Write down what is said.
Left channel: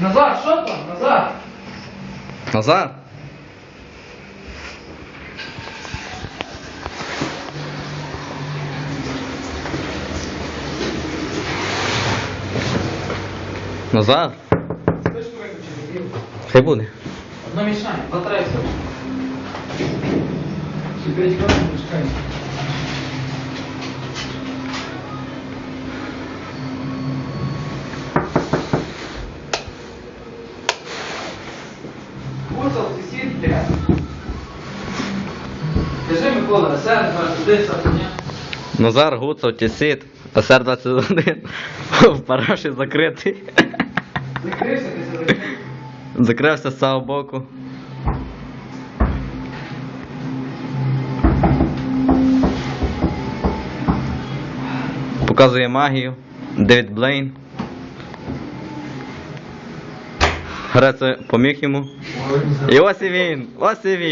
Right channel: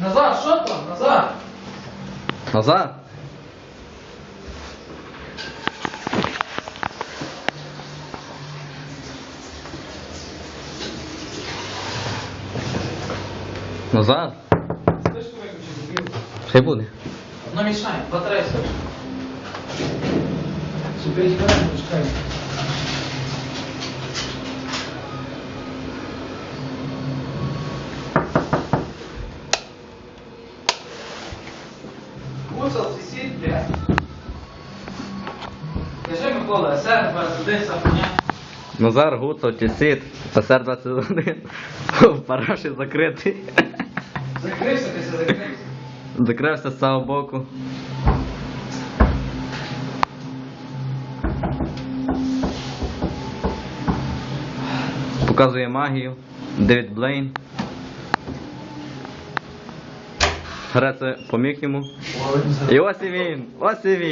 Назар, що там? Назар? Назар? Назар? Спишку виключити. Хай буде. Одно мішає, батарея скажи. Ще 5 Микола, тепер туди, сапня. Назар Гуцов, Тісіт, ТСР 21 в параші закритий. Закрився, ти все закрився. Закрився з цього боку. Показує магію. Девід Блейн. Греце поміг йому. І ось і він! Ось і він!